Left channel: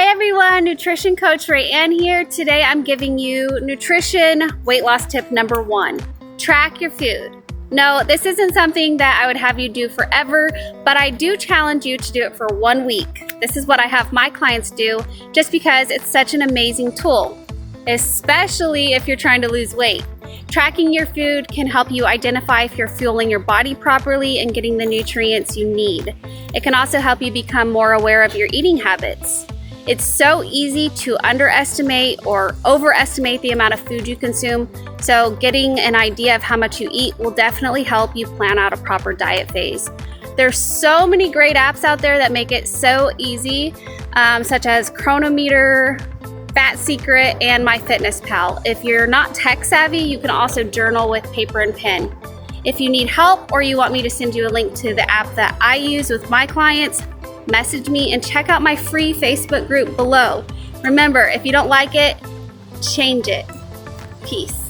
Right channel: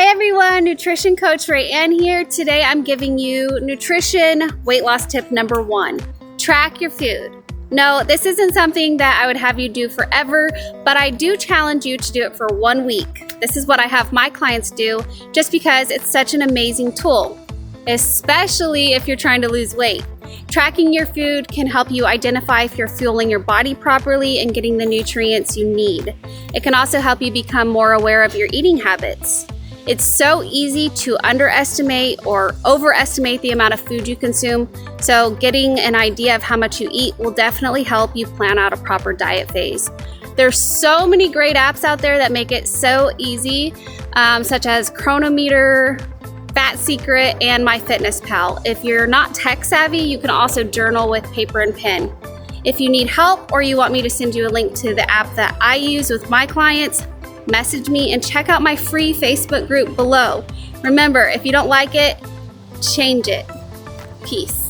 Hey everyone, Nutrition Coach Rayanne here. Today I'm giving you nutrition weight loss tip number 1. Track your food. No, this isn't something that I would have you do forever, but I do challenge you to do it for 1 week. This is what I have my clients do just because it's such an amazing tool, especially if you're trying to lose weight. Tracking your food can help you identify if you're fueling your body properly and getting the nutrients you need. It can also help you become more aware of your eating habits. It's so easy to underestimate or overestimate the amount of food you consume, so getting an idea of how much you eat will definitely help you plan out a proper diet phase. There's so many great apps out there that make it so easy, such as Cronometer, Fat Secret, and MyFitnessPal. If you're not tech savvy, you can also journal with paper and pen. If you need help or you want me to send you a link to the app that I use with my clients, message me and check out my free Facebook group below. Remember, if you don't like it, change it. Peace.